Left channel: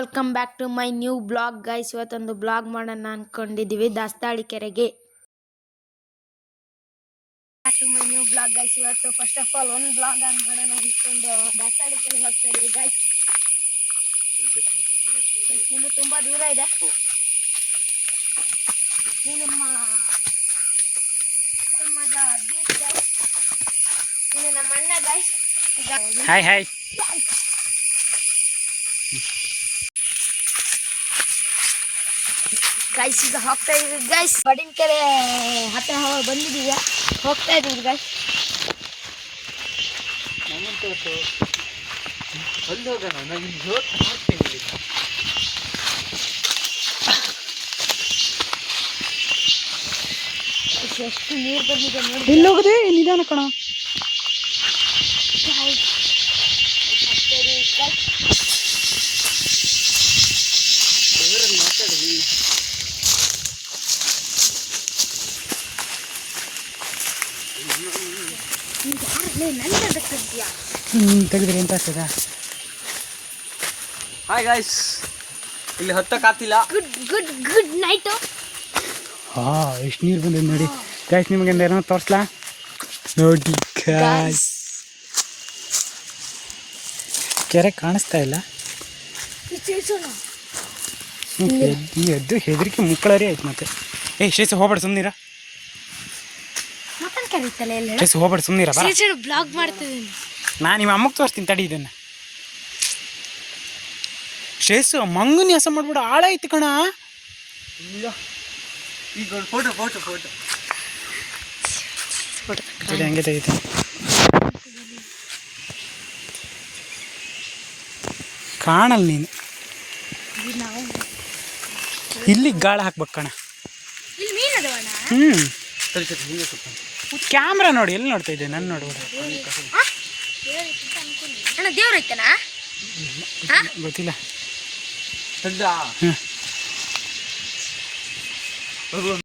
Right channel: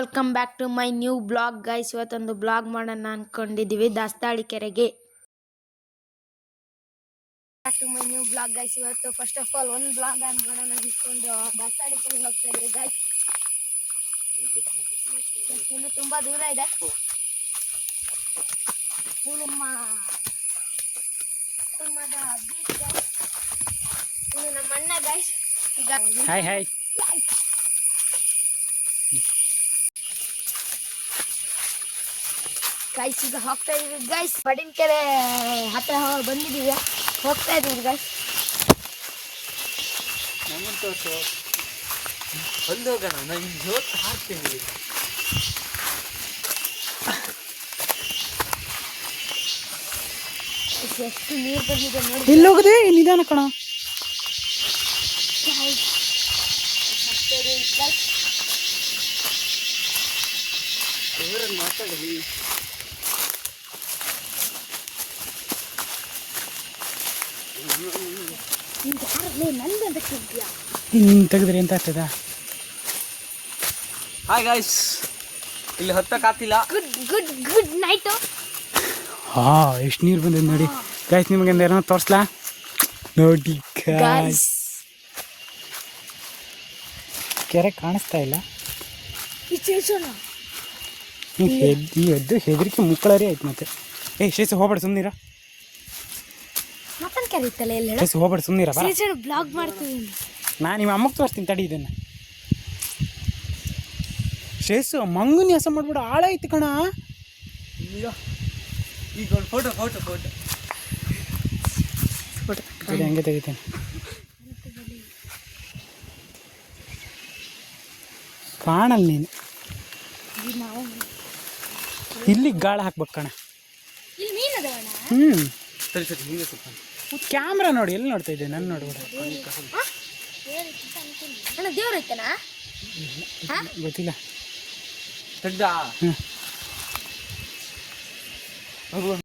Welcome back to my new blog guys ಇವತ್ತೊಂದು blog ಮಾಡೋಣ ಅನ್ಕೊಂಡಿದೀವಿ ದಾಸ್ತಾಳಿ ಕೆರೆಗೆ. ನ್ಯೂ ಬ್ಲಾಗ್ ಗೈಸ್ ಇವತ್ತು ಫಸ್ಟ್ ಆಫ್ ಆಲ್ ಒಂದು ಬ್ಲಾಗ್ ದಾಸ್ತಾಳಿ ಕೆರೆಗೆ ಹೋಗ್ತಾ ಗೈಸ್ ಇನ್ನು ತುಂಬಾ ದೂರ ನಮ್ಮ ನಮ್ಮದ. ಇದು ನಮ್ಮ ಅಣ್ಣ ಗೈಸ್ ಹಾಯ್ ಹಾಯ್ ಗೈಸ್ ಈಗ ಹೋಗ್ತಾ ಇದೀವಿ ಗೈಸ್ ಬಡಿನ ಕೆರೆ ಹತ್ರ ಬಂದಿದೀವಿ ಹೋಗ್ತಾ ಇದೀವಿ ಗೈಸ್ ಎಷ್ಟು ನೀರು ಬಂದಿದೆ ನೋಡಿ ಎಲ್ಲಿ ಹೋಗದೆ ನಿಧಾನ ಕಣ. ನಂದದಕ್ಕಿದ್ಯಾ ಹ್ಞೂ ತೆಗೆದ್ರಿ ಎಂತ ಆಗ್ತದ? ಹಾಯ್ ಗಾಯ್ಸ್ ಇಲ್ಲಿ ಹತ್ತಕ್ಕಾಗ್ತಿಲ್ಲ ಗುಡ್ ಗುಡ್ ಗುಡ್ ನೈಟ್ ಹಾ ಎಷ್ಟು ನೀರು ಬಂದಿದೆ ನೋಡಿ. ಗಾಯ್ಸ್ ನಿಮಗೆ ಏನೋ ತೋರಿಸ್ಲಾ? ನೋಡಿ ಗಾಯ್ಸ್ ಕೆರೆ ಕಾಣಿಸ್ತಾ ಇಲ್ಲ. ಹೆದ್ದು ಎದ್ದು ಎದ್ದು ಹೆದರಿಕೆ ಮುಕ್ಕಳರಿ ಆಯ್ತು ಮತ್ತೆ. ಏ ಶೇಷ ಹೋಗ್ಬೇಡ ಸುಮ್ನಿರ. ಮತ್ತೊಂದು ಕರೀತಲ್ಲ ಎಲ್ಲ ಶೇಷ ಹೋಗ್ಬೇಡ ಸುಮ್ನಿರ ಬರ ಬ್ಲಾಗ್ ಮಾಡ್ತಿದ್ದೀನಿ. ನಾನು ನಿಮ್ಮ ಅಮ್ಮಗೆ ತೋರಿಸ್ತೀನಿ ತಡಿ ಇದನ್ನ. ಶೇಷು ಮಂಗನ ಹೆಸ ಮಾಡ್ಬಿಡು ಆಳಾಯ್ತು ಕಣ. ಫೋಟೋ ಫೋಟೋ ಫೋಟೋ ತಡಿ, ಹಂಗೆ ತೆಗಿತೀನಿ. ಕಾಣಲ್ಲ ನೀನು. ಇಲ್ಲಿ ಗಾಳ ಹಾಕ್ಬೇಕು ಕಣ. ಇಲ್ಲಿ ಮೀನು ಅದಾವಣ್ಣ? ಹ್ಞೂ ಕ್ಯಾಮ್ರಾ ನೋಡಿ ಎಲ್ಲಿ ನೋಡ್ತಾ ಇದ್ದೆ? ನನ್ನ ಐತನ? ಗೊತ್ತಿಲ್ಲ. ಹ್ಮ್. ಹ್ಞೂ.